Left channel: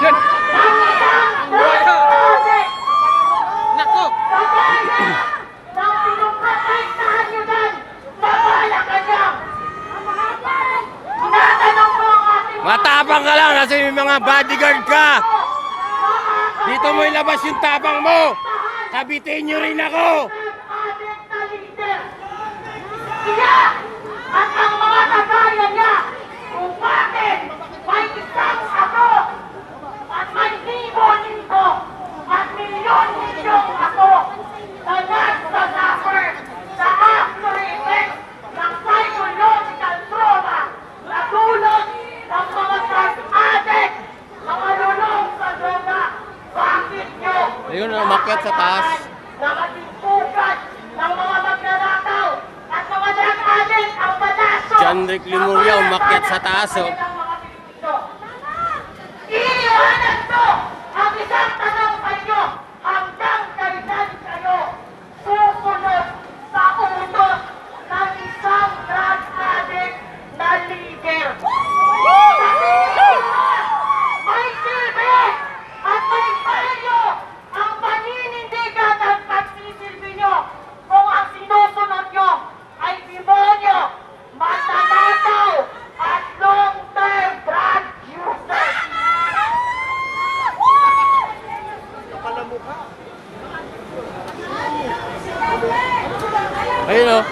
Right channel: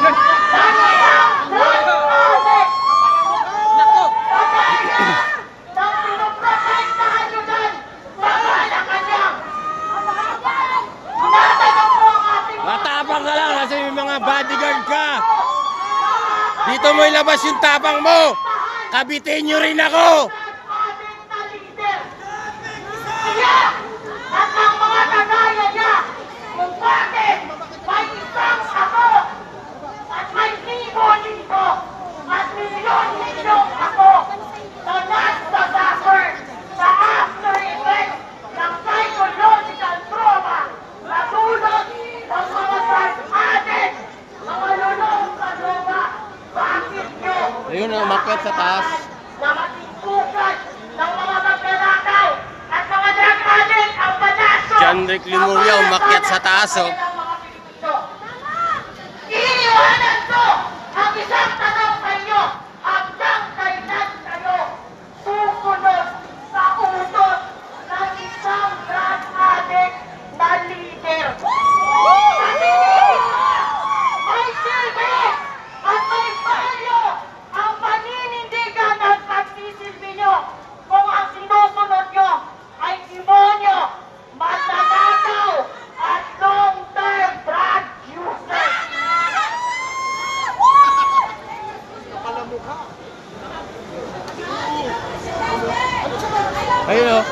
ng isang project. Nako! Kagaya ng pinuprotektahan nyo dyan sa Malacanang. Tinatanong ko ang ating Matapang ka lang kasi may mga bodyguard ka. Dito mo ilabas yung tapang mo. Kabitin nyo rin ako. ating na leader. Siya at ang mga kagaya niya kung bakit may isang ako at may libo-libo at milyon-milyong ako na nagsasuffer sa after effects ng psychological trauma na dulot ng mga drug addict na malulong sa droga. Bakit nyo? Ayun, umakyat sa taas. Na maging bukas ng mga magnanakaw at mga drug addict ang panaso. John Rick Lemuria, umakyat sa taas, oh. Iniiwanan ko ang isang tanong sa inyo. Hanggang kailan kayo susunod sa utos ng isang drug addict na leader? May silbi at may payo ang paninindigan at pagsisilbi nyo kung ang sinusunod nyo ay demonyo, magnanakaw at long-term drug users. Ayun, oh.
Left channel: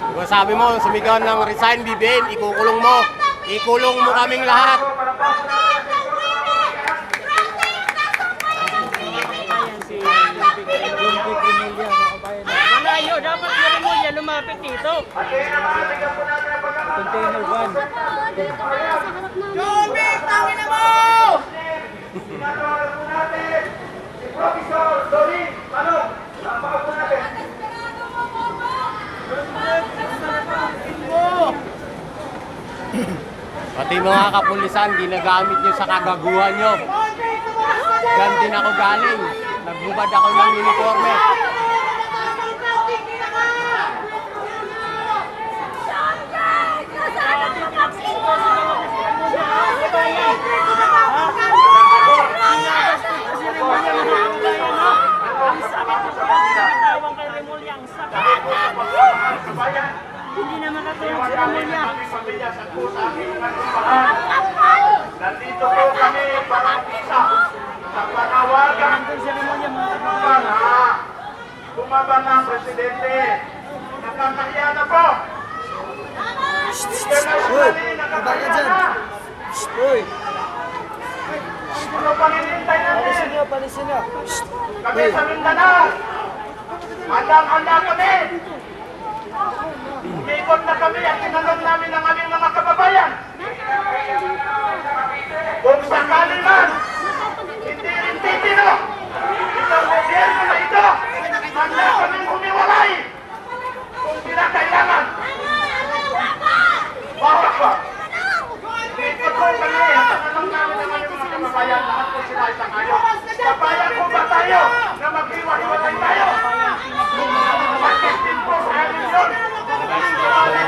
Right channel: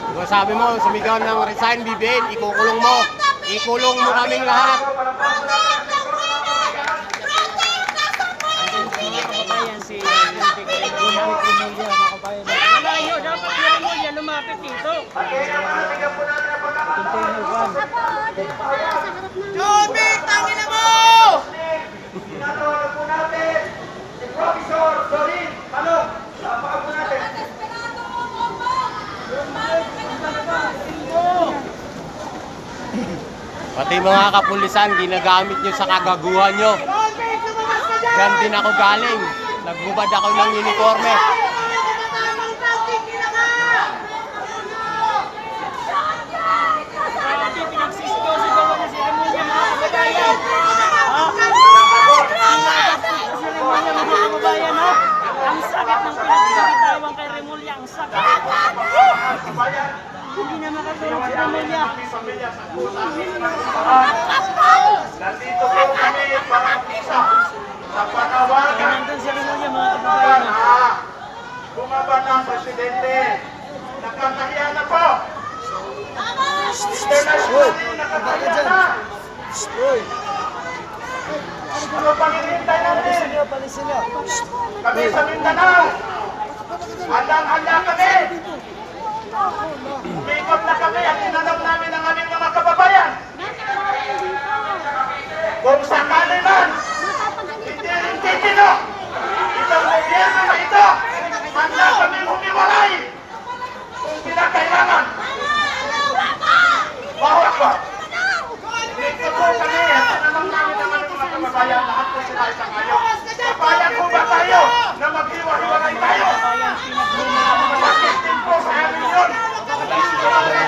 Diba sabi mo, sumigaw ng resign, Bibin, ikukulong mo. Ikulong mo kaming lahat. Malayo, dapat yung yan lumapit dito. Jobit, tangin na mo! Sinatawag po natin si Professor Dorin Talog. Tawag po natin. Pati mga kapulisan, ginagamit nyo sa kagaguhan nyo. Diyan din ako galing. Nagbubad ako ng uniforme. Hindi na makatulog si Remulla. Nandito po kami para isa sa panawagan Si Remulla, mga kababayan. na bumaban ng presidente. Nakakahiya na po. Internationally, nakakahiya na. Ano paninintay natin? Kami sa Mindanao. Handang-handa kami. Umikot na kami at tinanong namin ang aming mga kababayan. Kung sakali man, hindi rin titino. Itong gobyerno na ito, handa kami humiwalay. Kung kinakailangan. Bawat ko. Umikot po kami at tinanong namin ang aming mga kababayan. Lahat po sila isang kayo. Papayag po ba tayo na maghiwa-hiwalay tayo? Bakit din po sa amin yun?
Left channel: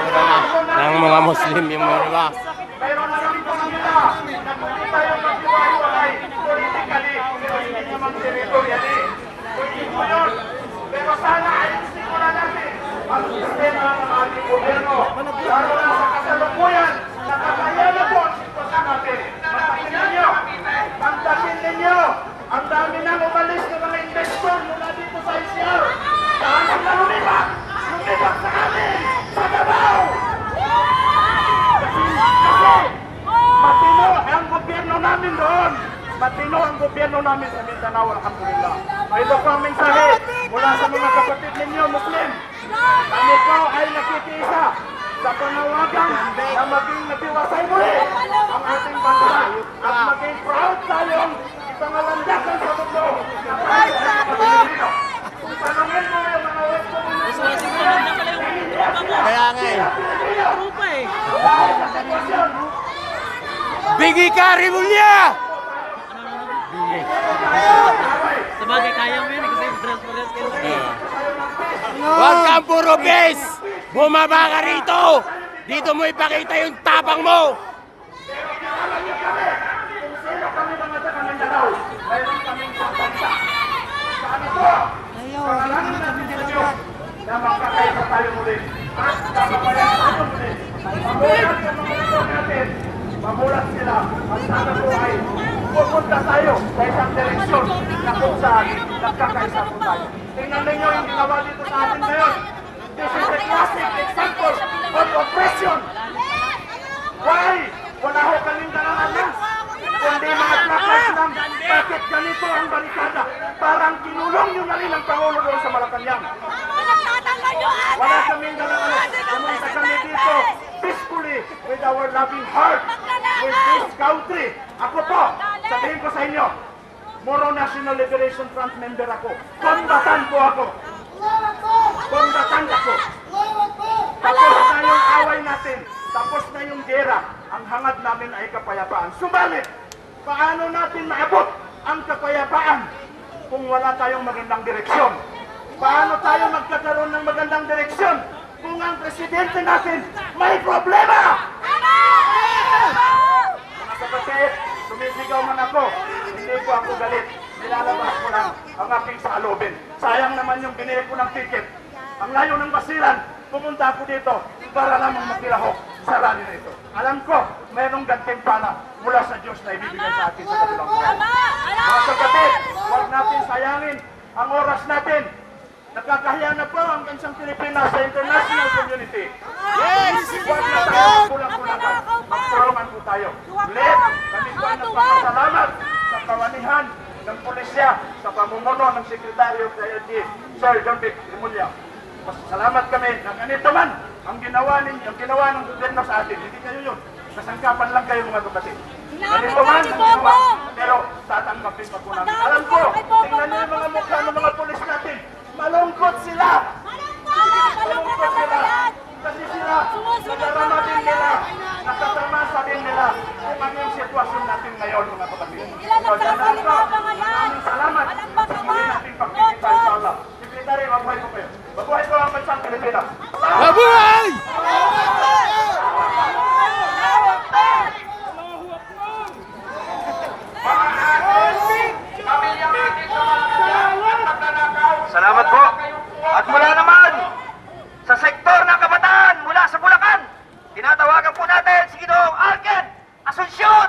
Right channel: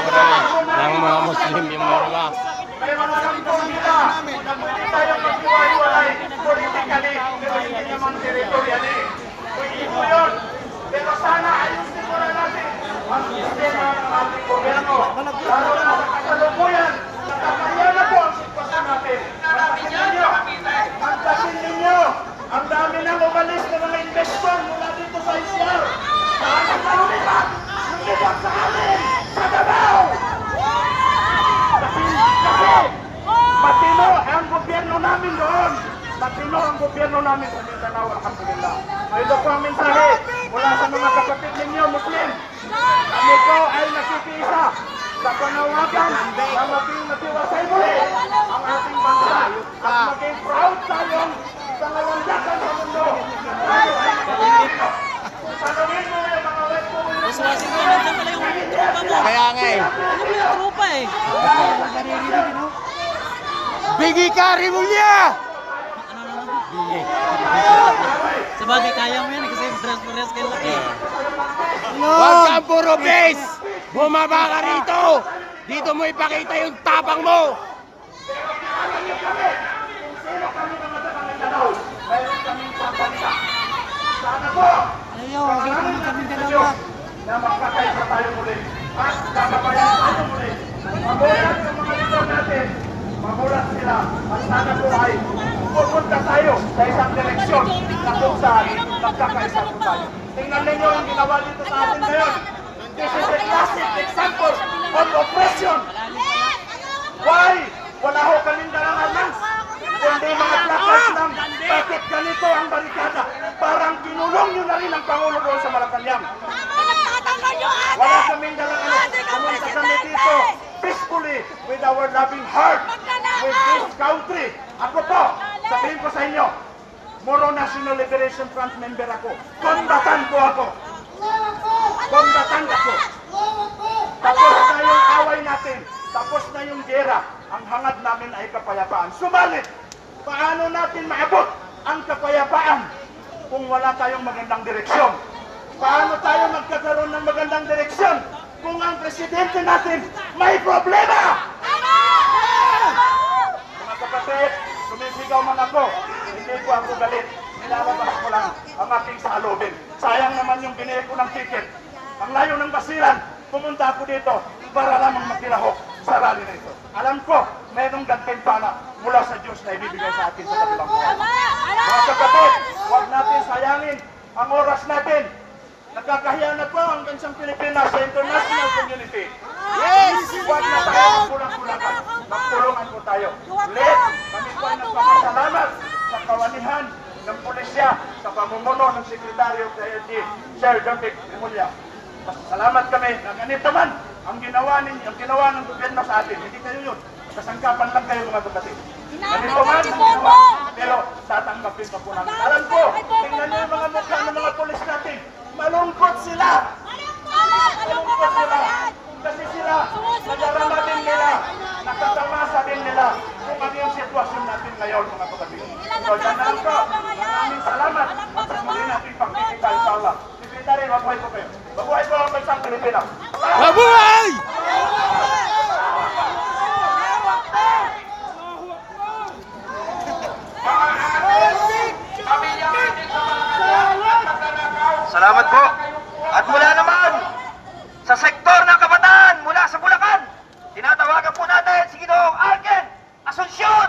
Mura na ng mga Muslim yung mura. Pero nandito sila, nandito tayo maghiwa-hiwalay politically, pero hindi naman territorially. Pwede po yun. Pero sana ayusin ko na natin ang sistema ng ating gobyerno. Lalo na sa kasalukuyan, nakakaya na po ang sitwasyon natin. Magtasin ninyo, ang dami nang umalis ng mga investor mula dito sa ICR. Saan ang nalulipat? Yung iba sa amin, sa Davao! Kasi matino ang gobyerno namin doon. Matino ang gobyerno namin sa Mindanao, alhamdulillah. So ito po ang mensahe mula sa mga kapatid ninyo, Muslim. Kami po ay nakikiisa sa panawagan na maging natiwasay muli ang ating bansa at maging proud tayong pangalandakan sa mundo. Tanungin mo na yung mga Kaya nga eh. Trupa eh. Biggie ka, Remulla! Sabagay, kaya mo yan kasi dress kayo. Huwag kang puro base! Bumaba ka rito! Dito mo ipakita yung tapang mo! Ayaw, kami dalawa. Na magkakaisa tayo muli. At kakapalan tayo muli. Mamulat yung mga leader natin. Mamulat sila. At sana po ay pupunta tayo sa isang direksyon na kung saan nagkakaisa po tayo. Tingnan ninyo yung ginawa dito sa atin ngayon. This is a classic example of oppression. Why? Wala ho kaming dalang armas. Kundi mga placards lang. Bakit ganito ang barikada? Parang kinulong nyo na rin ang Pangulo doon sa Malacanang. Wala kaming dalang armas. Pumunta kami dito peacefully with our loving heart with this country. Ako po, sabihin ko sa inyo, Moro National Liberation Front member ako. Kombatan po ako. Kombatan ako. Tapos na yung away natin. Tapos na yung gera. Ang hangad namin ay kapayapaan. Subalit, paano natin maabot ang kapayapaan kung wala tayong magandang direksyon? Paano tayo magkakaroon ng magandang direksyon kung ang presidente natin may problema? Mga kapatid, sumisigaw man ako, hindi po ako galit. Nilalabas ko lang ang aking salubin. Sayang naman yung binili ko ng ticket. Ang layo ng basilan, pumunta ako dito para lamang makilahok sa rally na ito. Alam ko, mayroong gantimpala mula sa Diyos na ibibigay sa atin sa kabilang buhay. Mga kapatid, huwag natin sayangin ang oras natin. Nakakahiya na po ang bansang Pilipinas sa international community. Yes! Huwag na tayo magkulang-kulangan. Magtulungan po tayo. Ulit, kami po ay nagpapasalamat sa kawanihan ng pulisya sa pamumuno ng Sekretaryo KLG, Sir John Vic Rimulya. Salamat kami na ganito man ang ginawa ng gobyerno sa atin. Hindi kayo yun. Kasangkapan lang kayo mga kapatid. Ganito man ang ginawa. Pero tatanggapin pa po namin. Alam ko, tingnan niyo yung mga mukha ng mga pulis natin. Malungkot sila. Malungkot sila. Kasi sila, nadarama din nila, nakatamasa din nila kung ano yung sitwasyon natin ngayon mga kapatid. So, dyan na lang po. Maraming salamat sa muli nating pagkikita inshallah. Sekretary, mabuhay po kayo. Mabuhay po ang bansang Pilipinas. Mabuhay! Salamat po. At mula naman sa sektor ng kabataan mula sa Bulacan, tinatawagan po natin si Ginoong Arken Asuncion.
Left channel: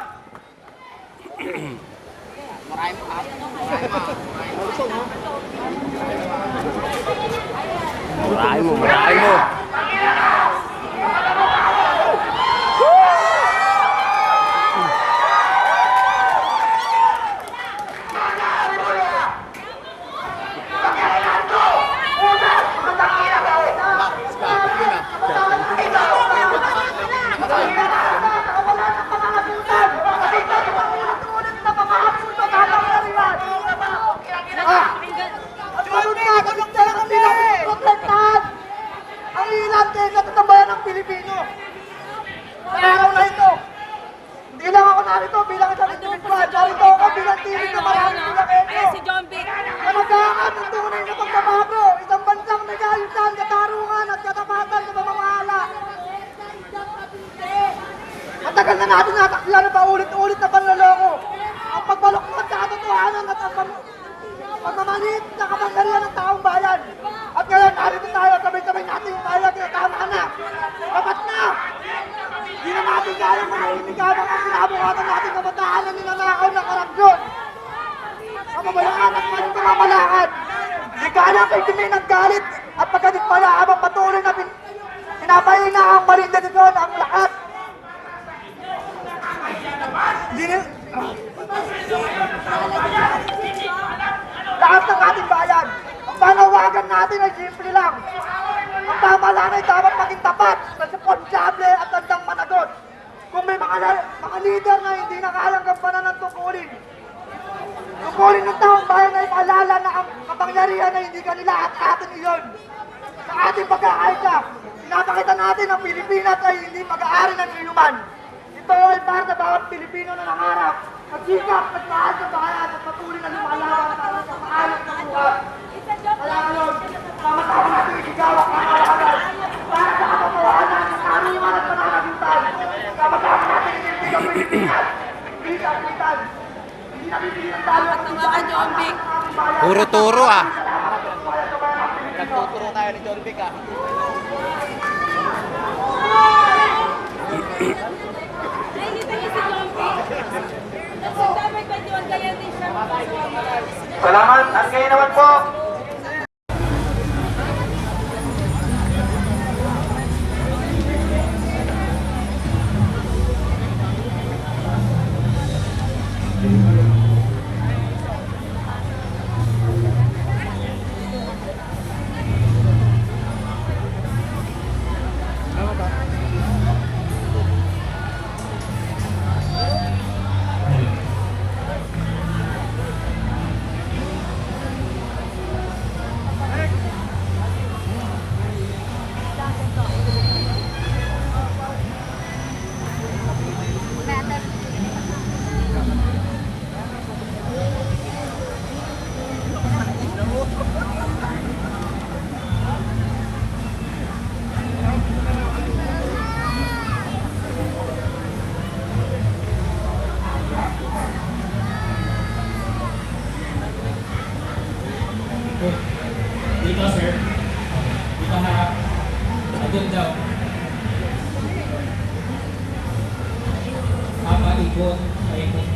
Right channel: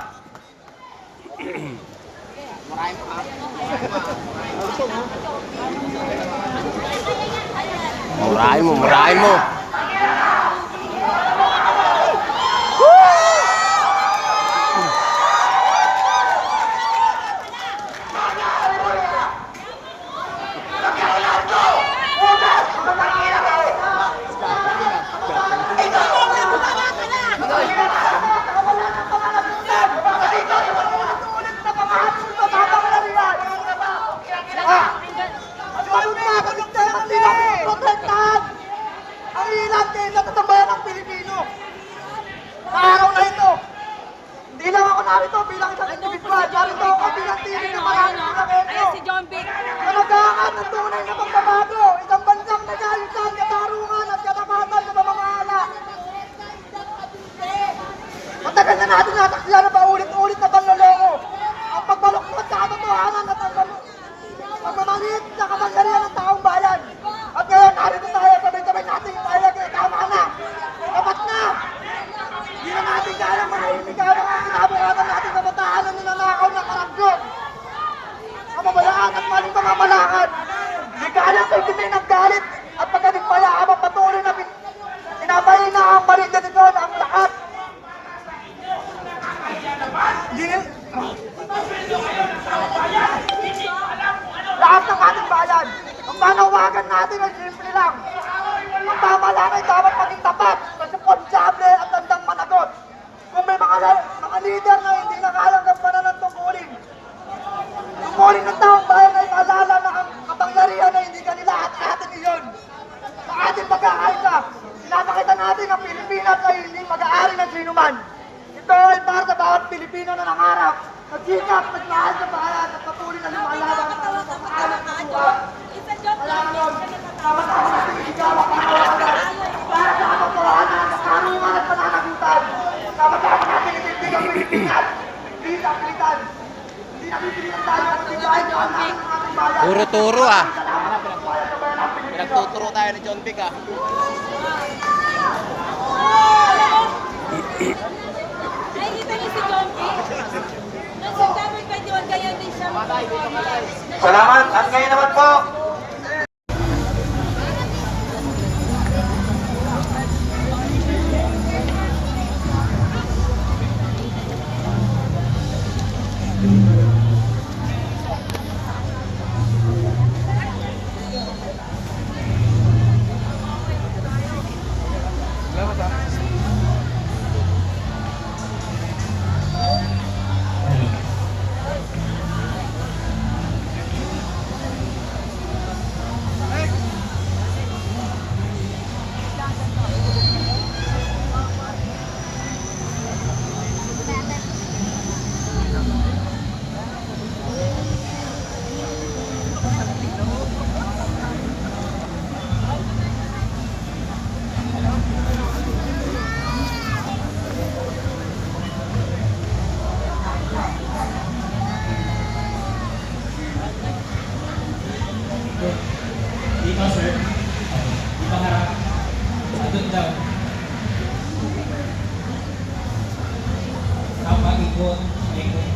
Murahin mo, murahin mo. Ang ilan din sa tatambayan ng Pilipino. Sa araw na ito, hindi lang ako narito bilang isang individual. Narito ako bilang tinig ng maraming Bulakenyo. Na nag-aangat ng tunay na pagbabago. Isang bansang nag-ayusan, katarungan at katapatan sa pamamahala. Matagal na natin nataksiyan na paulit-ulit na panloloko. Ang pagbaluktot sa katotohanan at ang pagmamalit sa kapangyarihan ng taong bayan. At ngayon, narito tayo, sabay-sabay natin tayo, tama na. Dapat na! Hindi na natin kayang manahimik habang ang pinabukatan natin kabataan na ninanakaw ng korupsyon. Kapabayaan at maling pamamalakad. Hindi kayang kayo ng galit at pagkadikpaya habang patuloy na pinapahina ang malindanikon ang lahat. Lahat ng ating bayan, ang panawagan natin ay simple lang. Ang pamahalaan ay dapat maging tapat, responsable at handang managot. Kung may mga leader na hindi na kayang gampanan ng tungkulin ng taong bayan ay maalala na ang kapangyarihan ay hindi kanila at atin iyon. Sa ating pagkakaisa, pinapakita natin ang Pilipinas ay hindi mag-aari ng sinuman. Ito ay para sa bawat Pilipino na nangarap, nagsikap, nagmahal sa bayan at patuloy na lumalaban para sa maayos na buhay. Kaya Dapat ang sinisigawa panawagan para sa katotohanan ng karaniwan at pananagutan. Dapat natin itindig ang Pilipinas. Hindi sa Pilitan. Hindi nabibigyan tayo ang pagbibayan ng ating bayan. Puro turo ah. Nagtuturo tayo ni John Vic ah. Nakikita niyo si John Vic? Nagsasabi kay John, ganyan din siya Salamat. At kayo naman po. Dito, sir. Dito harap. Doon daw. Ikot. Ikot.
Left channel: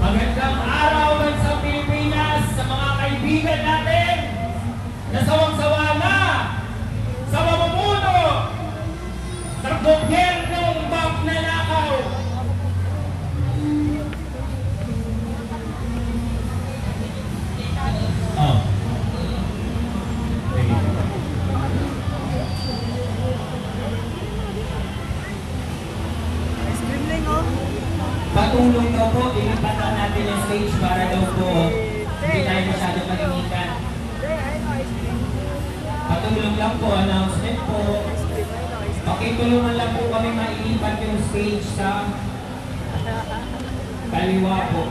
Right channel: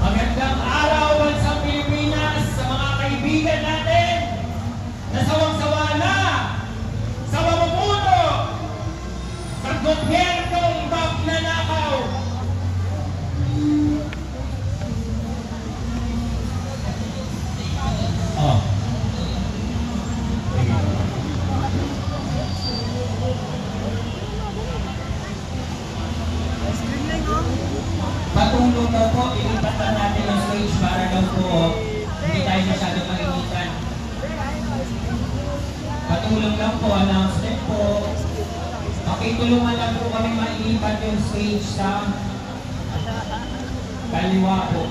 Magandang araw sa Pilipinas, sa mga kaibigan natin na sawang-sawa na sa mamumuno ng gobyernong magnanakaw. Patulong daw po, ilipat lang natin yung stage para daw po hindi tayo masyadong mainitan. Patulong lang po, announcement po. Pakitulungan lang po kami mailipat yung stage sa kaliwa po.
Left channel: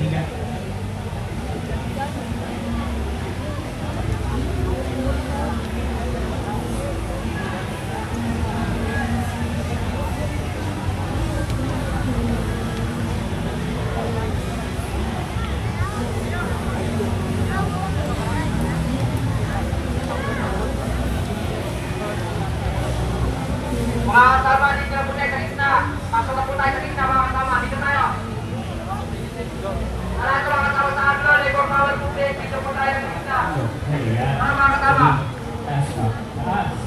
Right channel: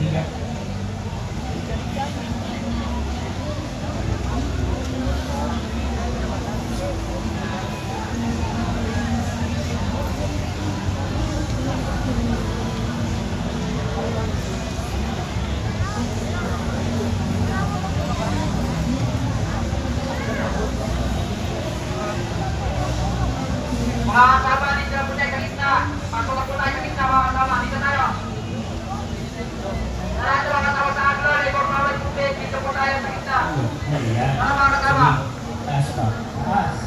Higa. Mga kasama, dito na po tayo sa gitna. Pasok na po tayo sa gitna, mga kasama. Dito tayo. Lahat ng mga kasama sa Agro, Labor Power Movement, dito po tayo sa gitna. Ayan. Mga kasama. Taas pa. Taas.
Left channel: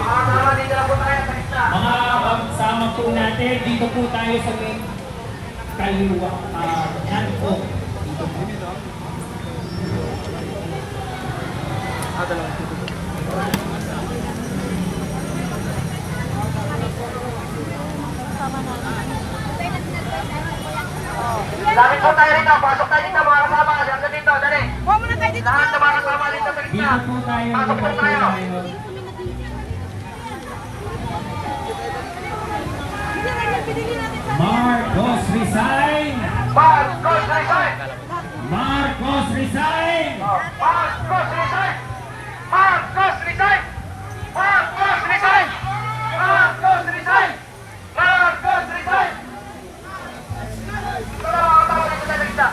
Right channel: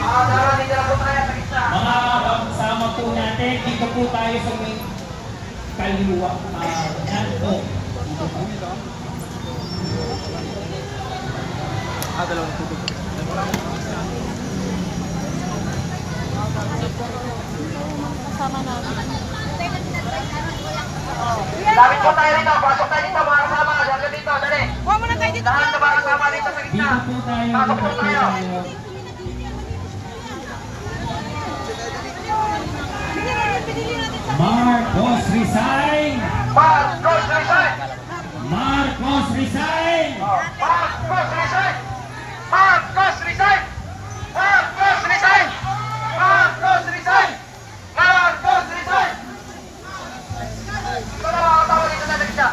Mga kasama, dito na po tayo sa gitna. Mga kasama po natin, dito po tayo sa may kaliwa. Yan po. Dito po. Lapit po tayo rito. Pasok tayo dito, mga kasama. Diyan ka dito, dali. Huwag mo na tayo dito. Lahat ng mga kasama dito sa gitna. Dito po tayo. Pasok po tayo. Hindi na yan, pinili natin sa Marcos resign! Marcos resign! Marcos resign! Marcos resign! Marcos resign! Marcos resign! Marcos resign! Marcos resign! Ito na mga kasama dito sa gitna.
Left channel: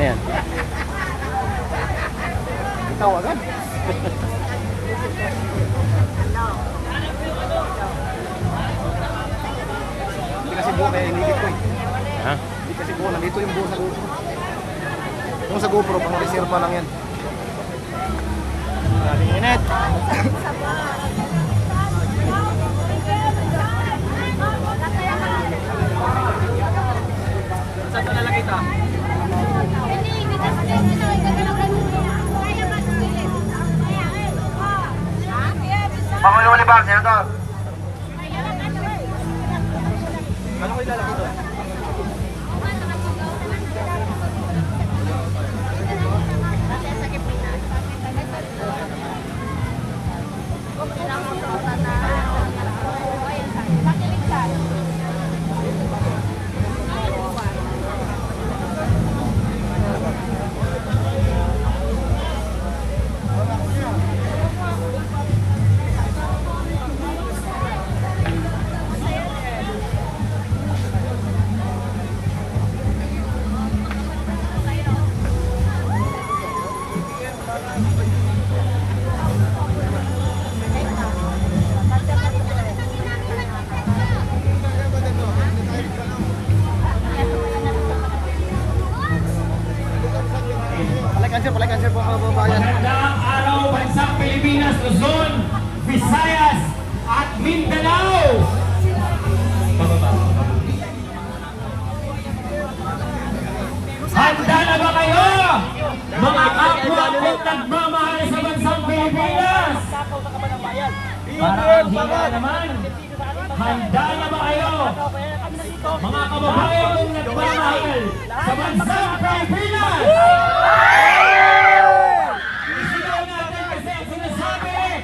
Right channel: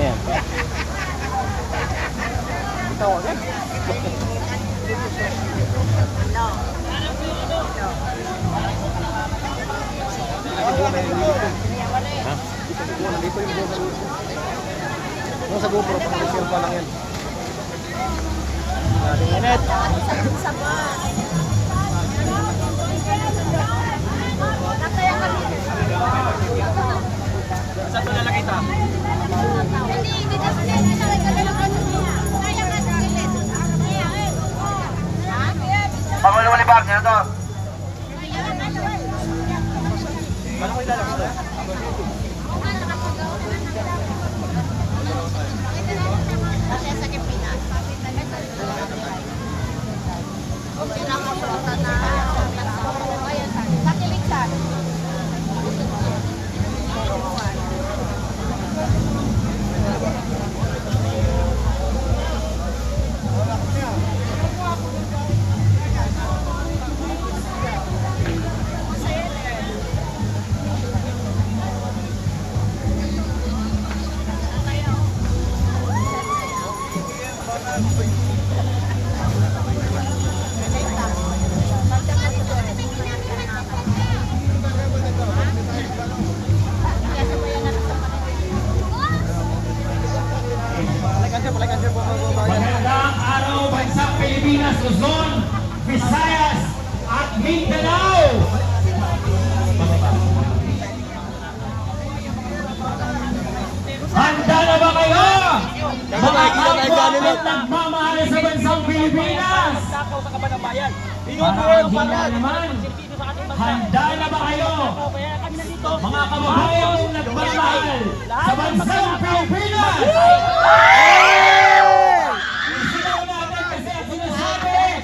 Ayan. Ha? libro, pang reserva lang yan. Saan ito lalagay ito? Hindi kasi kasi nagdala ng kaya nga sa gilid. Pangulo ni Bang, Senator. Paano ko ilalagay ito? Magandang araw, Bansang Pilipinas, Luzon, Visayas, at Mindanao! Handa na ba kayo? Mga kapwa at nagmamahal sa Bansang Pilipinas! Para handa naman, handa na ba kayo? Mga kababayan kong nagmamahal sa Bansang Pilipinas! Isigaw natin kasi ang sinasabi,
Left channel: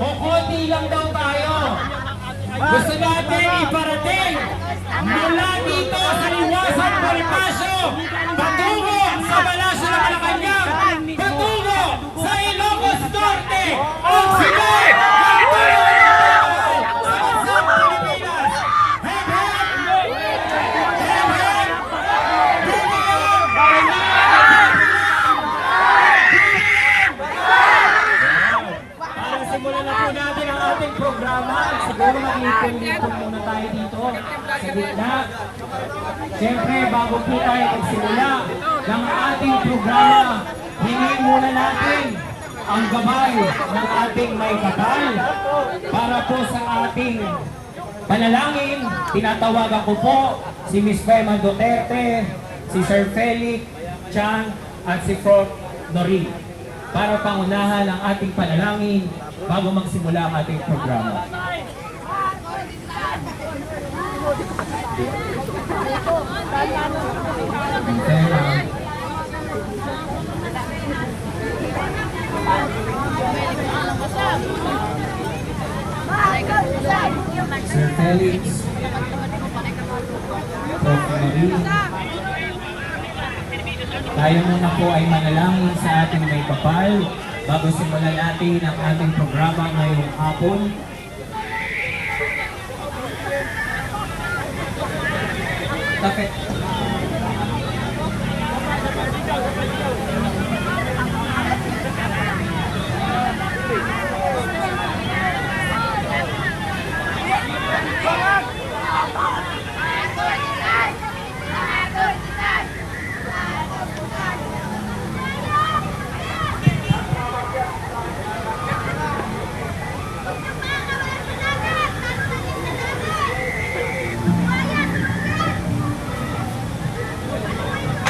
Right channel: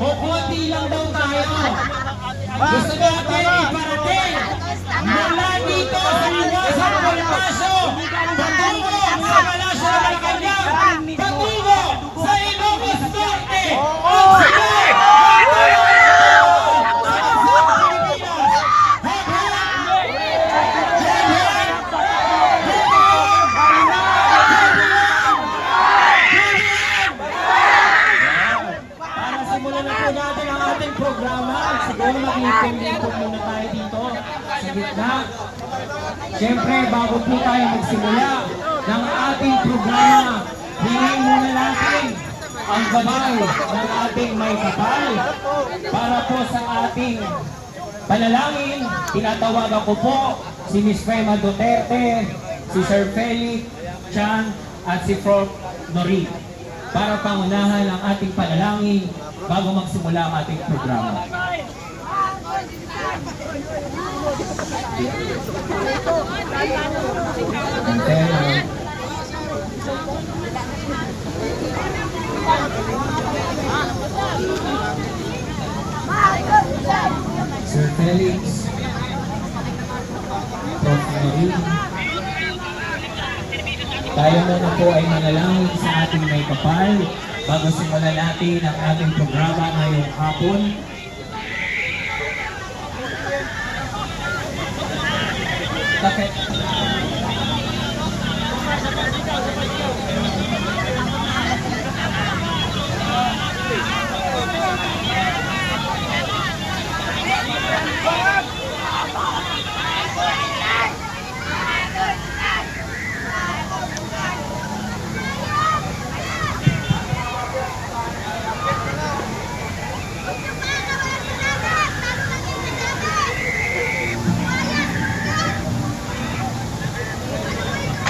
kukunti lang daw tayo. Gusto natin iparating mula dito sa Liwasan, Bonifacio, patungo sa Palasyo ng Malacanang, patungo sa Ilocos Norte, ang sigaw ng tulungan sa Bansang Pilipinas. Para simulan na po natin ang ating programa. Siguro mag-lipon-lipon muna tayo dito sa gitna. Siyempre, bago po tayo magsimula ng ating programa, hingin muna natin ang gabay ng ating may kapal para po sa ating panalangin. Tinatawagan ko po si Miss Fema Duterte, si Sir Felix Chan at si Prof. Nori para pangunahan ang ating panalangin bago magsimula ang ating programa. Sir Felix, Prof. Nori, tayo muna po ay manalangin sa ating may kapal bago simulan natin ang ating programa ngayong hapon. Okay.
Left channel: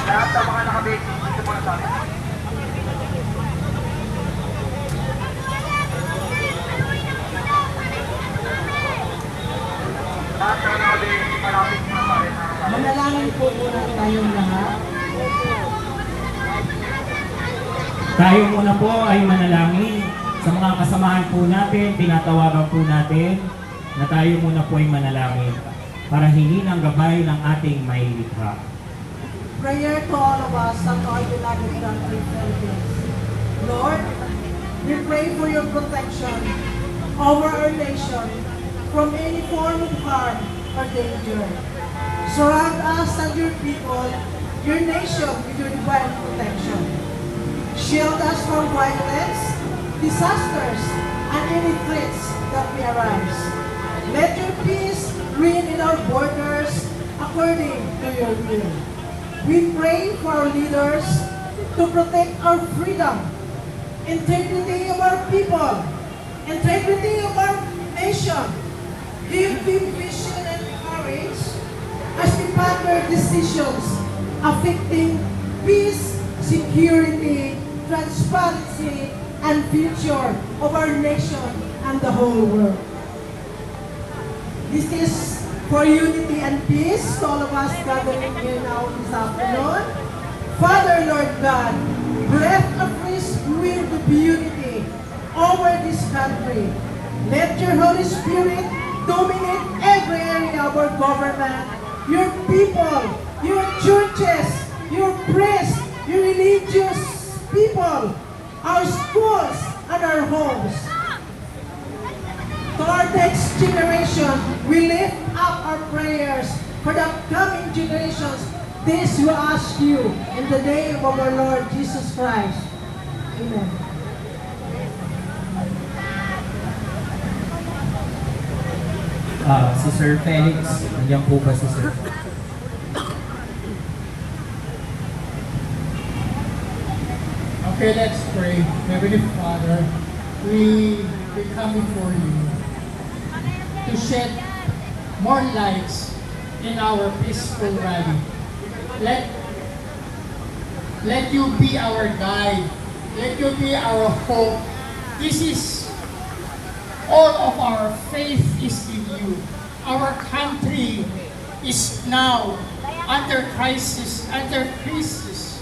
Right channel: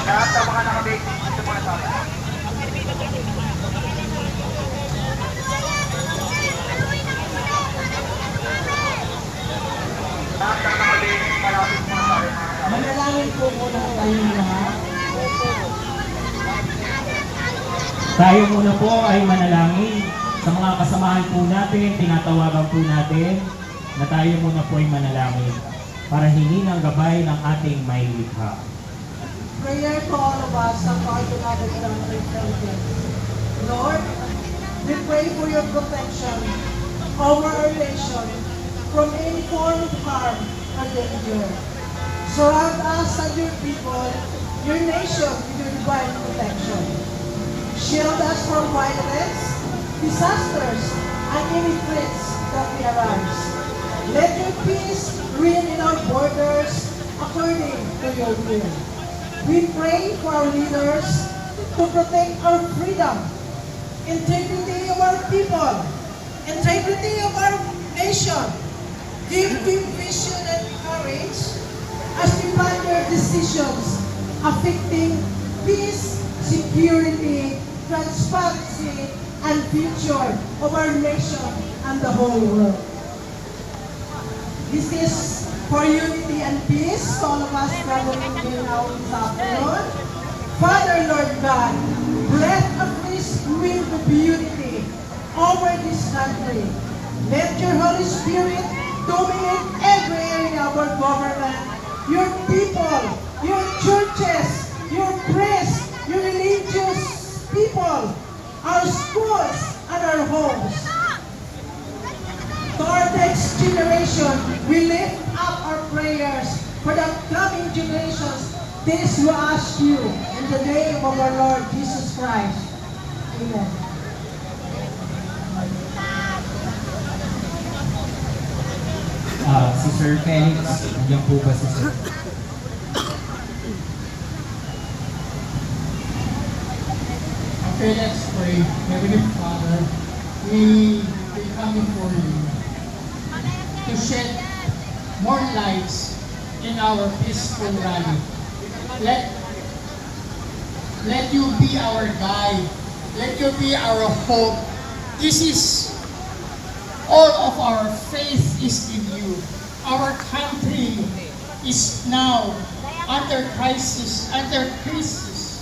Lahat ng mga nakabig, dito muna sa akin. Lahat ng nakabig, malapit muna sa akin. Manalangin po muna tayong lahat. Tayo muna po ay manalangin sa mga kasamahan po natin, tinatawagan po natin na tayo muna po ay manalangin para hingin ang gabay ng ating may likha. Prayer to all of us and to our beloved country, Philippines. Lord, we pray for your protection over our nation from any form of harm or danger. Surround us and your people, your nation with your divine protection. Shield us from violence, disasters, and any threats that may arise. Let your peace reign in our borders according to your will. We pray for our leaders to protect our freedom, integrity of our people, integrity of our nation. Give them vision and courage as we ponder decisions affecting peace, security, transparency, and future of our nation and the whole world. This is for unity and peace to all of us gathering here now this afternoon. Father, Lord God, bless afresh with the unity over this country. Let your Holy Spirit dominate every area of our government, your people, your churches, your priests, your religious people, our schools, and our homes. To our next generation, we lift up our prayers for the upcoming generations. This we ask you in the name of our Lord Jesus Christ. Amen. Si Sir Felix, nandiyan po ba si Sir? Okay, let's pray. Heavenly Father, we come before you to shed more lights in our peaceful rally. Let you be our guide. Let you be our hope. This is all of our faith is in you. Our country is now under crisis, under crisis.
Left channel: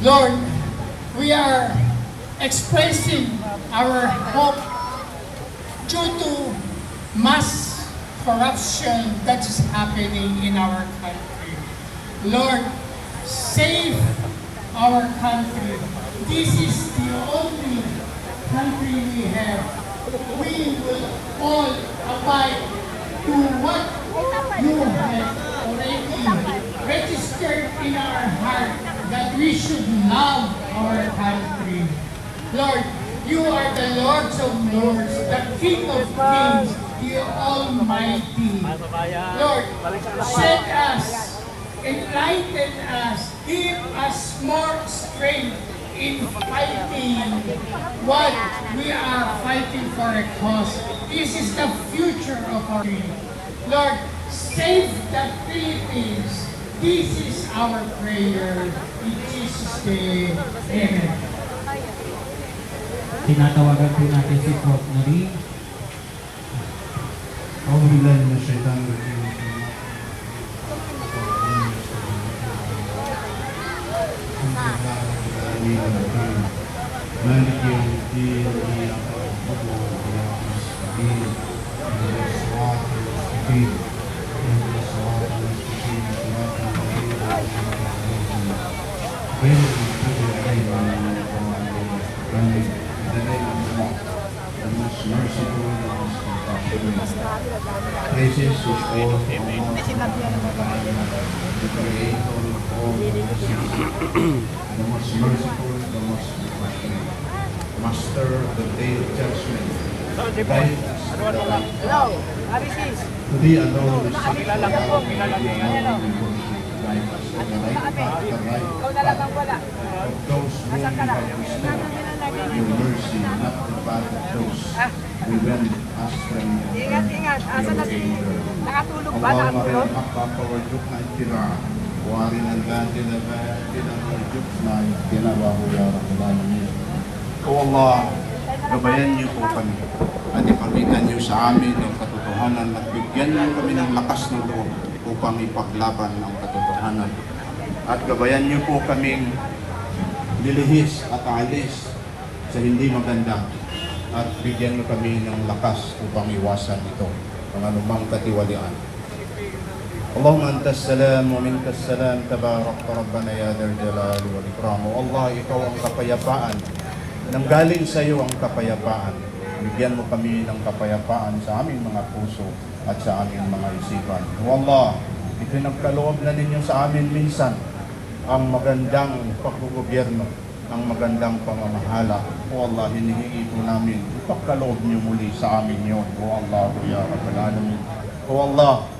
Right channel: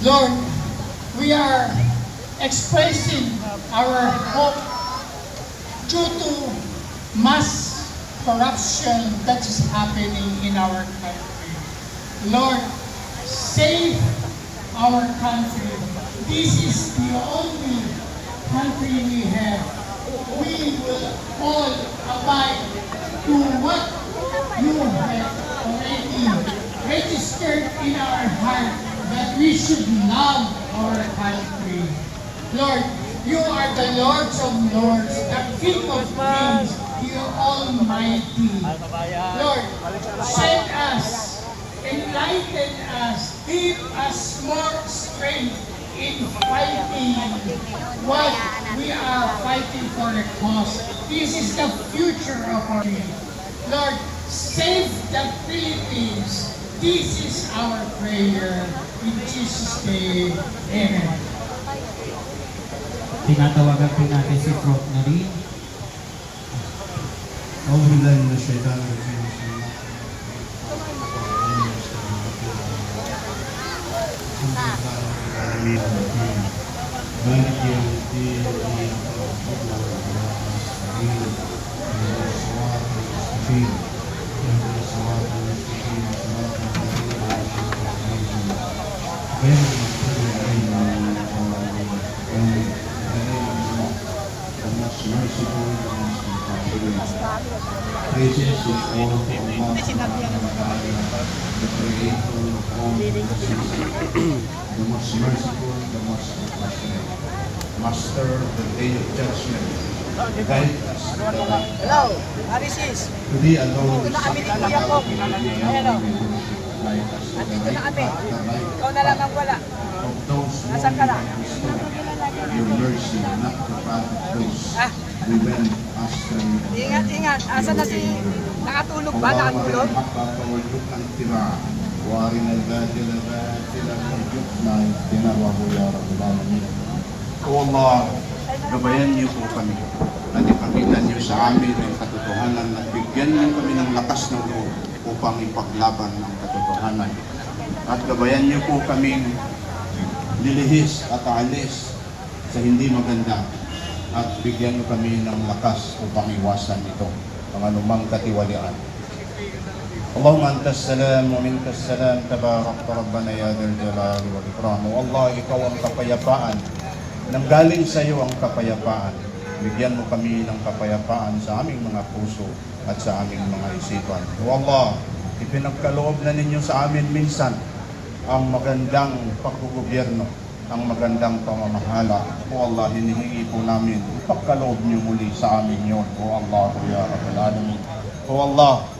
Lord, we are expressing our hope due to mass corruption that is happening in our country. Lord, save our country. This is the only country we have. We will all abide to what you have already registered in our heart, that we should love our country. Lord, you are the Lord of Lords, the King of Kings, the Almighty. Lord, shed us, enlighten us, give us more strength in fighting what we are fighting for a cause. This is the future of our country. Lord, save the Philippines. This is our prayer. In Jesus' name, amen. Tinatawagan po natin si Prof. Nari. Praises is all the the Creator of all the most merciful, the most compassionate, Master of the day of judgment, guide us to the right path. Today alone is such a reality, today alone we worship, guide us to the right path, the right path of those whom you have restored, your mercy, not the path of those we went astray. Ingat, asan na si nakatulog ba? Nakatulog? O Allah, gabayan niyo po kami at ipakita niyo sa amin ang katotohanan at bigyan niyo kami ng lakas ng loob upang ipaglaban ang katotohanan. At gabayan niyo po kaming nilihis at alis sa hindi maganda at bigyan niyo kami ng lakas upang iwasan ito, ang anumang katiwalian. Allahumma antas salam wa minkas salam, tabarakta rabbana ya dzal jalal wal ikram. O Allah, ikaw ang kapayapaan, nanggaling sa iyo ang kapayapaan. Bigyan mo kami ng kapayapaan sa aming mga puso at sa aming mga isipan. O Allah, ipinagkaloob na ninyo sa amin minsan ang magandang paggogobyerno, ang magandang pamamahala. O Allah, hinihingi po namin, ipagkaloob niyo muli sa amin yun. O Allah, ya Rabbal Alamin. O Allah,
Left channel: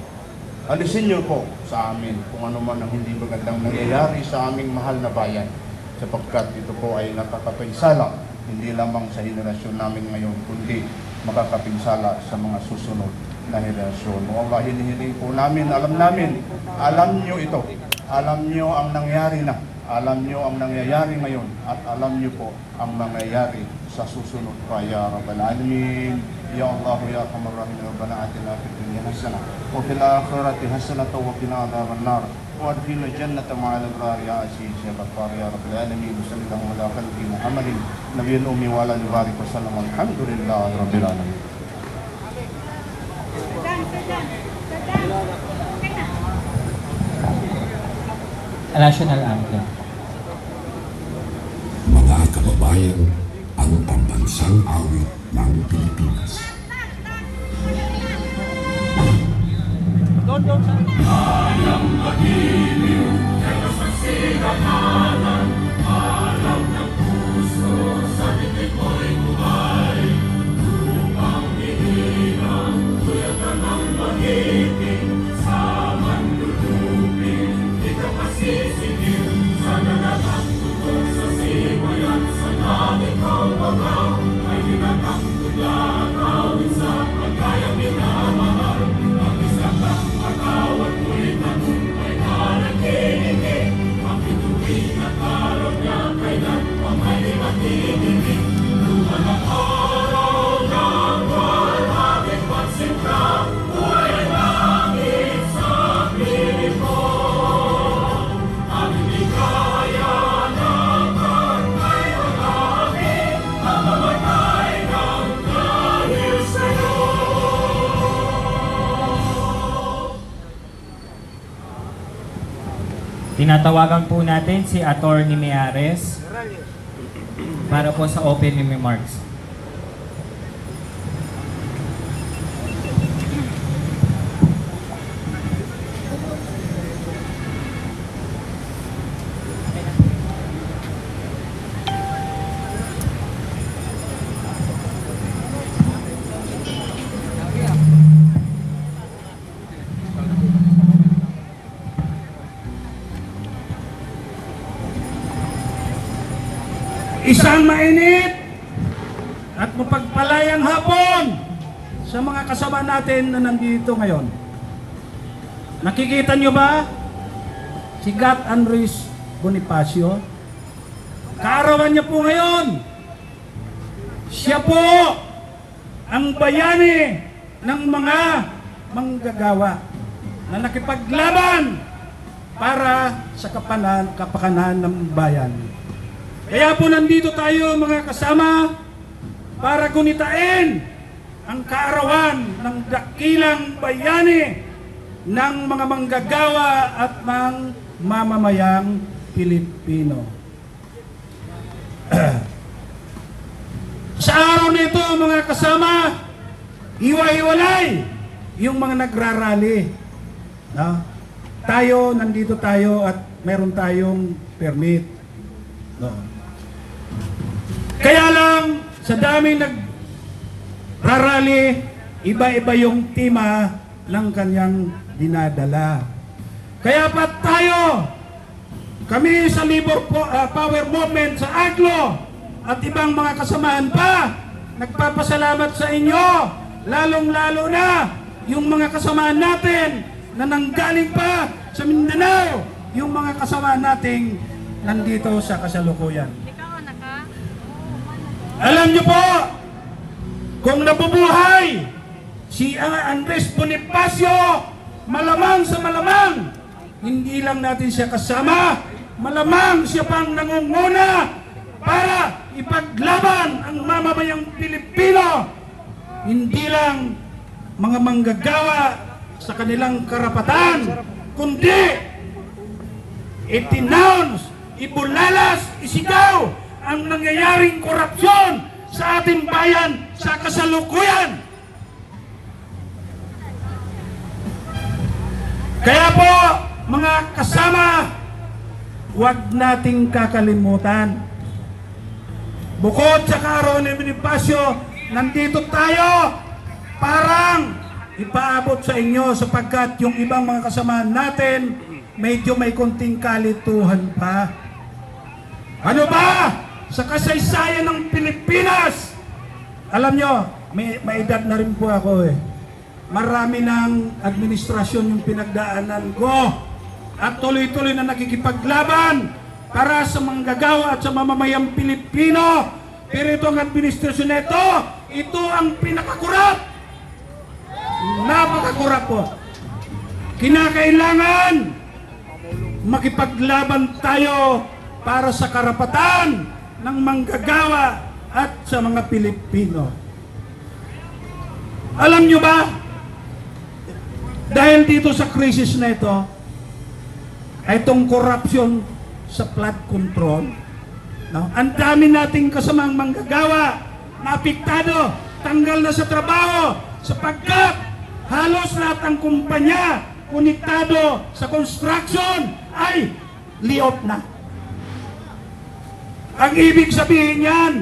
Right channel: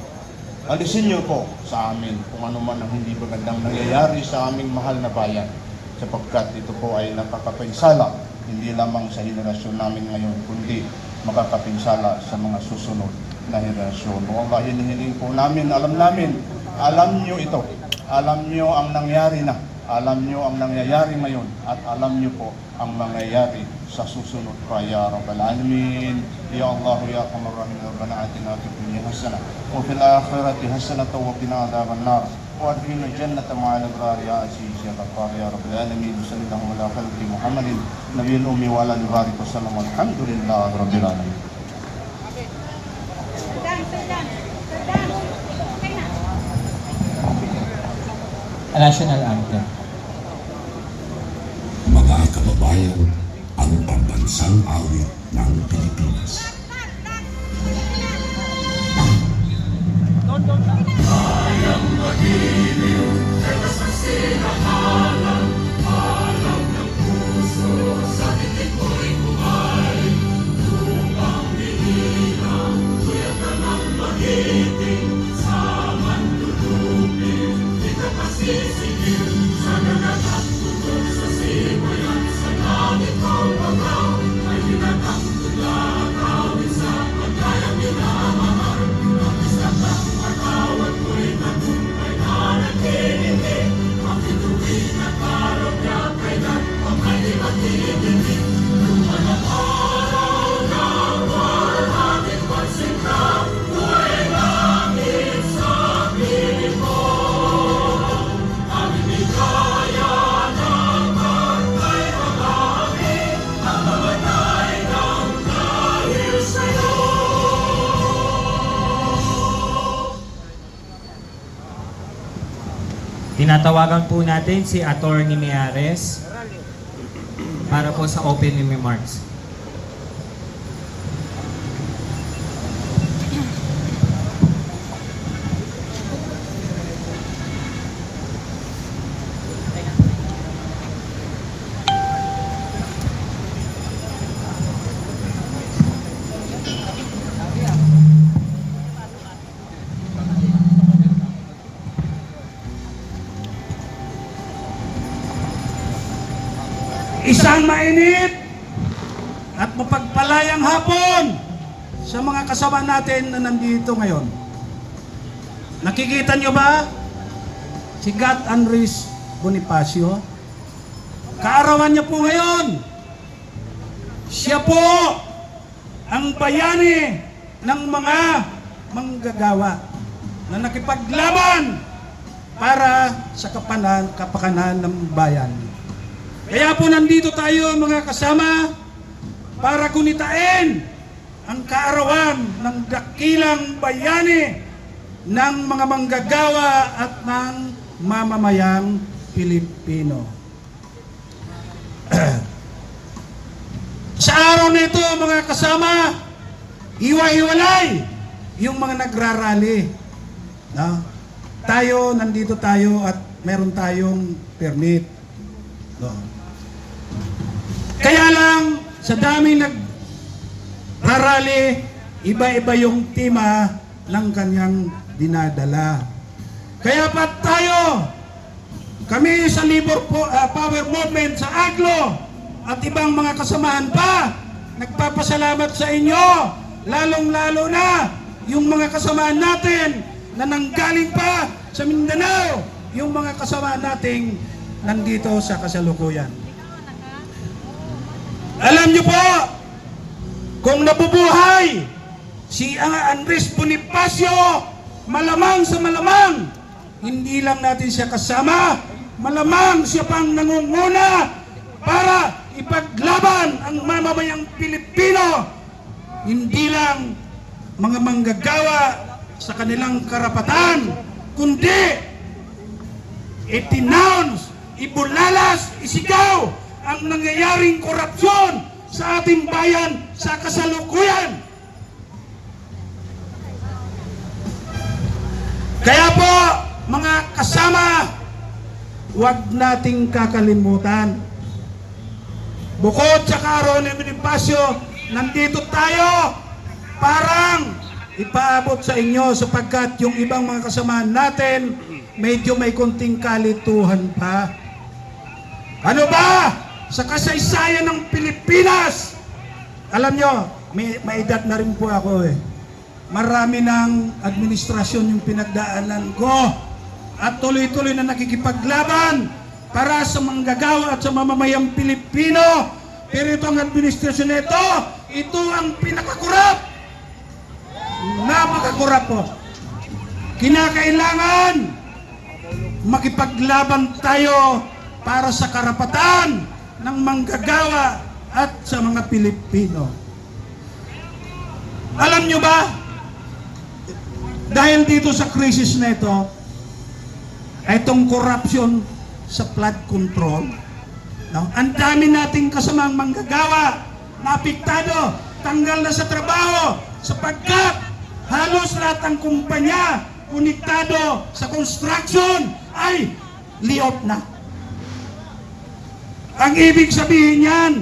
alisin niyo po sa sa amin kung ano man ang hindi magandang nangyayari sa aming mahal na bayan, sapagkat ito po ay nakakapinsala hindi lamang sa henerasyon namin ngayon, kundi makakapinsala sa mga susunod na henerasyon. O Allah, hinihiling po namin, alam nyo ito, alam nyo ang nangyari na, alam nyo ang nangyayari ngayon, at alam nyo po ang mangyayari sa susunod pa, ya Rabbal Alamin. Ya Allah, ya Arhamar Rahimin, Rabbana atina fid dunya hasanah wa fil akhirati hasanah wa qina adhaban nar wa adkhilna jannata ma'al abrar ya aziz ya ghaffar ya Rabbal Alamin. Sallallahu ala khalqi Muhammadin nabiyil ummi wa ala alihi wa sallam. Alhamdulillahi rabbil alamin. National Anthem. Mga kababayan, ang pambansang awit ng Pilipinas. Bayang magiliw, sa sibahanan, alam ng puso, sa titik mo'y bumay. Upang dinilang, tuyat na ng magiting, sa mandudupin, di ka masisigil, sa nanatang tutok sa sibayan, sa langit ang bagaw, ay hinatang tulad, awit sa pagkaya minamahal, ang isang katawat mo'y nanumpay na nakikinig, ang ituwid na karap niya, kailan ang may matiginig, lupa ng araw ng walang pasinta, tuwa'y langit sa piling ko. Tinatawagan po natin si Atty. Miares para po sa opening remarks. Isang mainit at mapagpalayang hapon sa mga kasama natin na nandito ngayon. Nakikita niyo ba si Gat Andres Bonifacio? Kaarawan niya po ngayon. Siya po ang bayani ng mga manggagawa na nakipaglaban para sa kapakanan ng bayan. Kaya po nandito tayo mga kasama para gunitain ang kaarawan ng dakilang bayani ng mga manggagawa at ng mamamayang Pilipino. Sa araw nito mga kasama, iwa-iwalay yung mga nagrarally. Tayo, nandito tayo at meron tayong permit. Kaya lang, sa daming nagrarally, iba-iba yung tema ng kanyang dinadala. Kaya pa tayo, kami sa Power Movement sa Aglo at ibang mga kasamahan pa, nagpapasalamat sa inyo, lalong-lalo na yung mga kasamahan natin na nanggaling pa sa Mindanao, yung mga kasamahan nating nandito sa kasalukuyan. Alam niyo po, kung nabubuhay si Andres Bonifacio, malamang sa malamang, hindi lang natin siya kasama, malamang siya pang nangunguna para ipaglaban ang mamamayang Pilipino, hindi lang mga manggagawa sa kanilang karapatan, kundi itinounce, ibulalas, isigaw ang nangyayaring korupsyon sa ating bayan sa kasalukuyan. Kaya po, mga kasama, huwag nating kakalimutan. Bukod sa kaarawan ni Bonifacio, nandito tayo parang ipaabot sa inyo sapagkat yung ibang mga kasamahan natin medyo may konting kalituhan pa. Ano ba? Sa kasaysayan ng Pilipinas, alam nyo, may edad na rin po ako eh. Marami ng administrasyon yung pinagdaanan ko at tuloy-tuloy na nakikipaglaban para sa manggagawa at sa mamamayang Pilipino. Pero itong administrasyon na ito ang pinakakurap. Napakakurap po. Kinakailangan makipaglaban tayo para sa karapatan ng manggagawa at sa mga Pilipino. Alam nyo ba, dahil dito sa krisis na ito, itong corruption sa flood control, no? Ang dami nating kasamang manggagawa na apektado, tanggal na sa trabaho, sapagkat halos lahat ng kumpanya konektado sa construction ay layoff na. Ang ibig sabihin yan,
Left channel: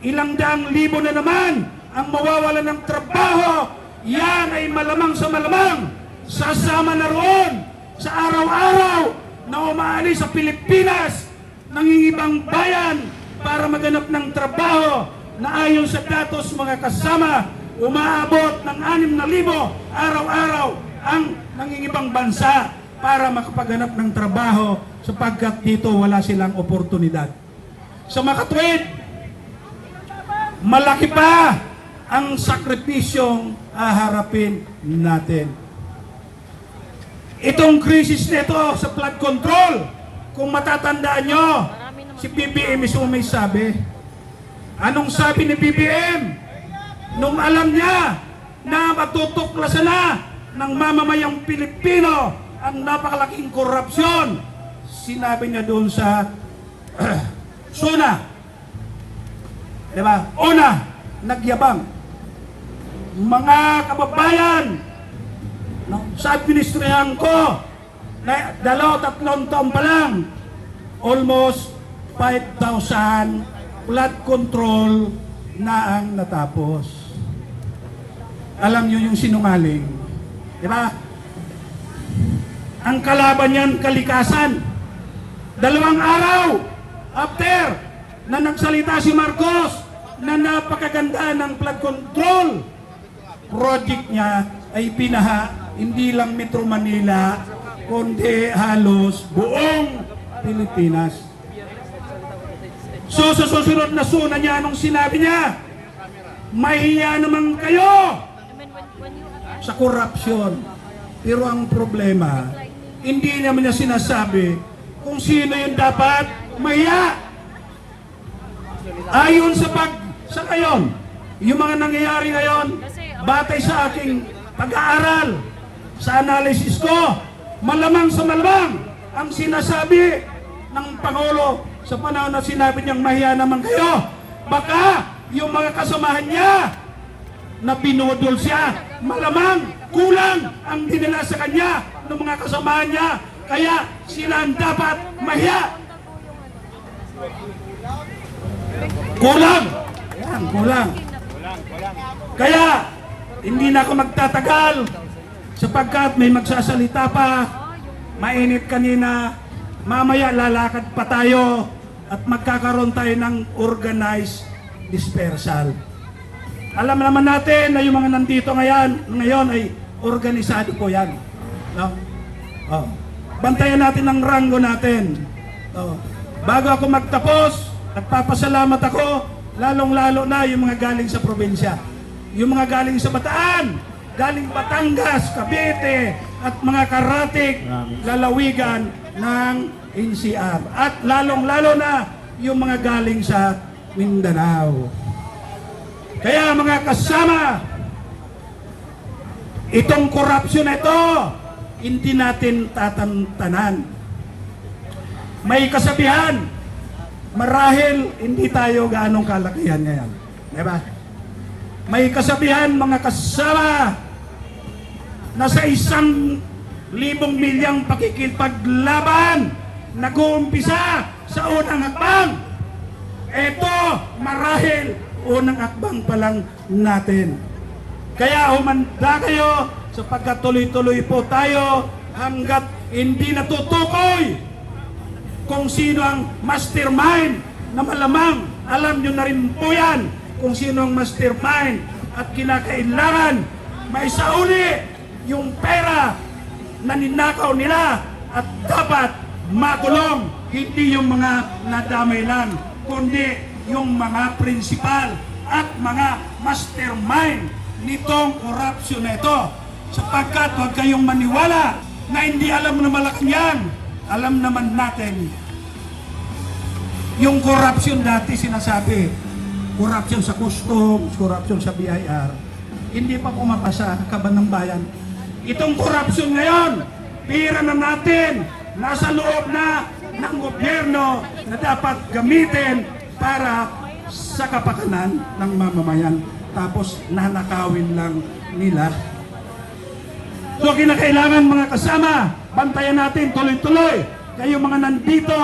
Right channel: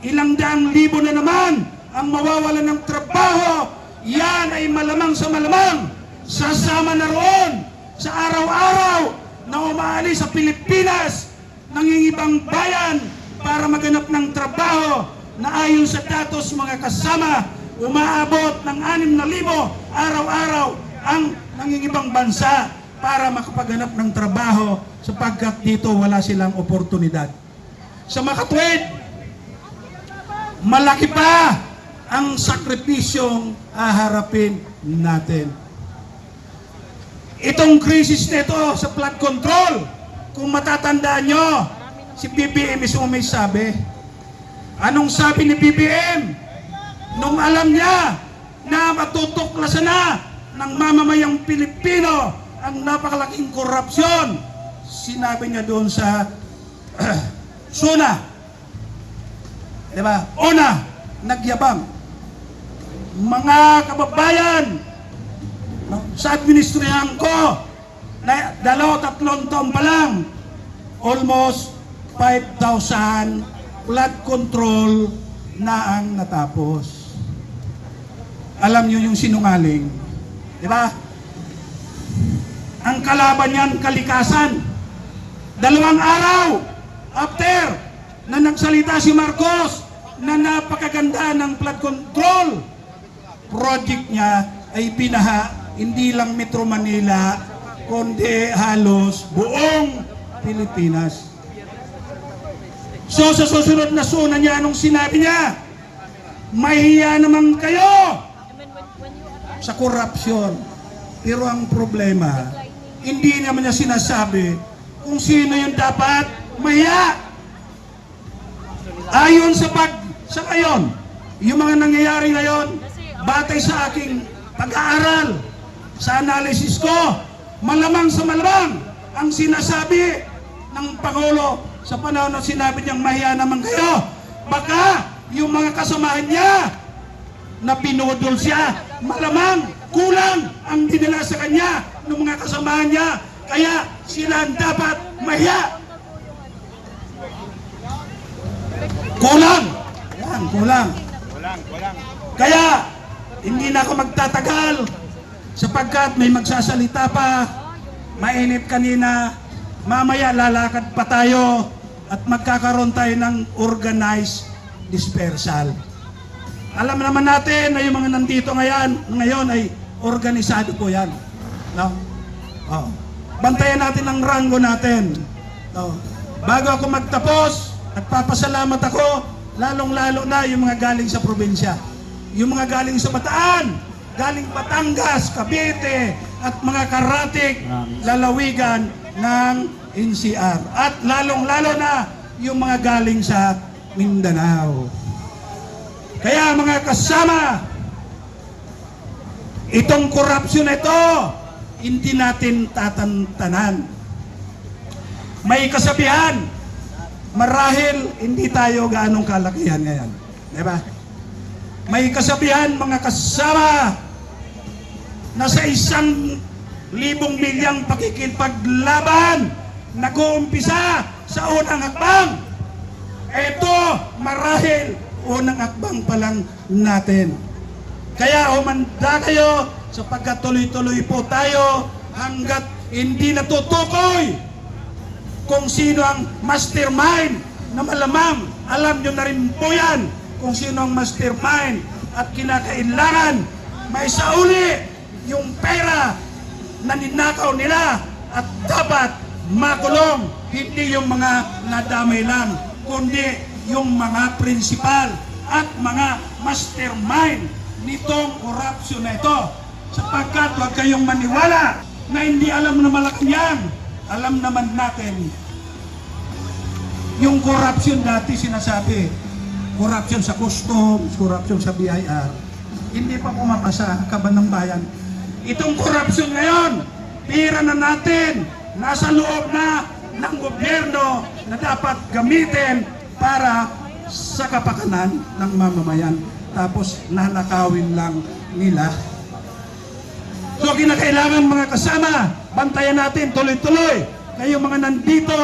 ilang daang libo na naman ang mawawalan ng trabaho. Yan ay malamang sa malamang sasama na roon sa araw-araw na umaalis sa Pilipinas nangingibang bayan para maganap ng trabaho na ayon sa datos mga kasama, umaabot ng 6,000 araw-araw ang nangingibang bansa para makapaghanap ng trabaho sapagkat dito wala silang oportunidad. Sa makatwid, malaki pa ang sakripisyong haharapin natin. Itong krisis nito sa flood control, kung matatandaan nyo, si BBM mismo may sabi. Anong sabi ni BBM? Nung alam niya na matutuklasan na ng mamamayang Pilipino ang napakalaking korupsyon, sinabi niya doon sa Suna, diba? Una, nagyabang. Mga kababayan, sa administrahan ko, na 2-3 taon pa lang, almost 5,000 flood control na ang natapos. Alam niyo yung sinungaling, diba? Ang kalaban niyan, kalikasan. 2 araw after na nagsalita si Marcos na napakaganda ng flood control, project niya ay binaha hindi lang Metro Manila kundi halos buong Pilipinas. So sa susunod na suna niya, anong sinabi niya? Mahiya naman kayo sa korupsyon. Pero ang problema, hindi naman niya sinasabi kung sino yung dapat mahiya. Ayon sa ngayon, yung mga nangyayari ngayon, batay sa aking pag-aaral, sa analysis ko, malamang sa malamang ang sinasabi ng Pangulo sa panahon na sinabi niyang mahiya naman kayo. Baka yung mga kasamahan niya na pinudol siya, malamang kulang ang dinala sa kanya ng mga kasamahan niya, kaya sila ang dapat mahiya. Kulang. Yan, kulang. Kaya hindi na ako magtatagal sapagkat may magsasalita pa. Mainit kanina, mamaya lalakad pa tayo at magkakaroon tayo ng organized dispersal. Alam naman natin na yung mga nandito ngayon ay organisado po yan. No? Oh. Bantayan natin ang ranggo natin. Oh. Bago ako magtapos, nagpapasalamat ako, lalong-lalo na yung mga galing sa probinsya. Yung mga galing sa Bataan, galing Batangas, Cavite, at mga karatig, lalawigan ng NCR. At lalong-lalo na yung mga galing sa Mindanao. Kaya mga kasama, itong korupsyon na ito, hindi natin tatantanan. May kasabihan, marahil hindi tayo gaanong kalakihan ngayon. Diba? May kasabihan mga kasama na sa 1,000 milyang pakikipaglaban nag-uumpisa sa unang hakbang. Ito marahil unang hakbang pa lang natin. Kaya humanda kayo sapagkat tuloy-tuloy po tayo hanggat hindi natutukoy kung sino ang mastermind na malamang alam nyo na rin po yan kung sino ang mastermind at kinakailangan maisauli yung pera na ninakaw nila at dapat makulong, hindi yung mga nadamay lang kundi yung mga prinsipal at mga mastermind nitong korupsyon na ito, sapagkat huwag kayong maniwala na hindi alam na Malacanang. Alam naman natin yung korupsyon dati sinasabi, korupsyon sa customs, korupsyon sa BIR, hindi pa pumapasa ang kaban ng bayan. Itong korupsyon ngayon, tira na natin, nasa loob na ng gobyerno na dapat gamitin para sa kapakanan ng mamamayan. Tapos nanakawin lang nila. So kinakailangan mga kasama, bantayan natin tuloy-tuloy. Kayo mga nandito,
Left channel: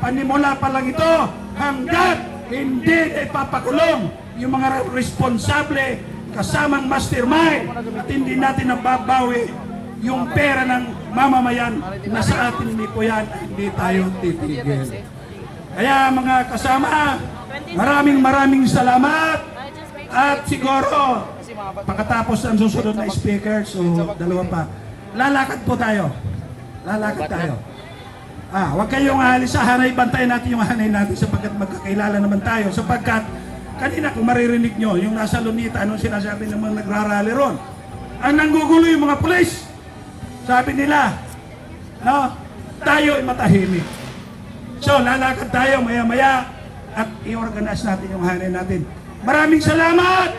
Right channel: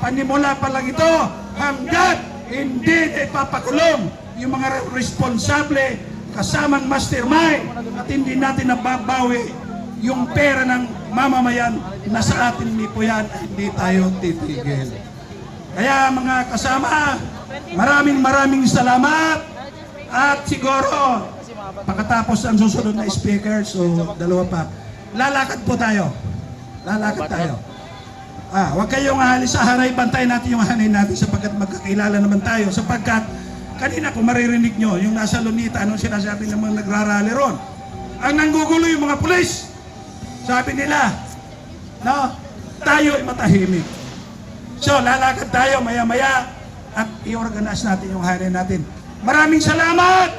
panimula pa lang ito, hanggat hindi ipapakulong yung mga responsable kasamang mastermind at hindi natin nababawi yung pera ng mamamayan na sa atin ni po yan, hindi tayo titigil. Kaya mga kasama, maraming salamat at siguro pagkatapos ang susunod na speaker, so dalawa pa, lalakad po tayo. Lalakad tayo. Huwag kayong ahalis sa hanay, bantay natin yung hanay natin sapagkat magkakilala naman tayo. Sapagkat kanina kung maririnig nyo, yung nasa Lunita, anong sinasabi ng mga nagrarally ron? Ang nanggugulo yung mga pulis. Sabi nila, no, tayo ay matahimik. So lalakad tayo maya-maya at i-organize natin yung hanay natin. Maraming salamat!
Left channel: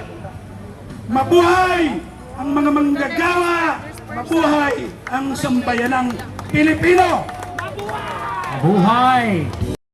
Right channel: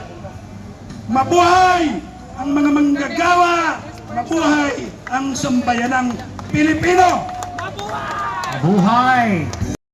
Mabuhay ang mga manggagawa! Mabuhay ang sambayanang Pilipino! Buhay!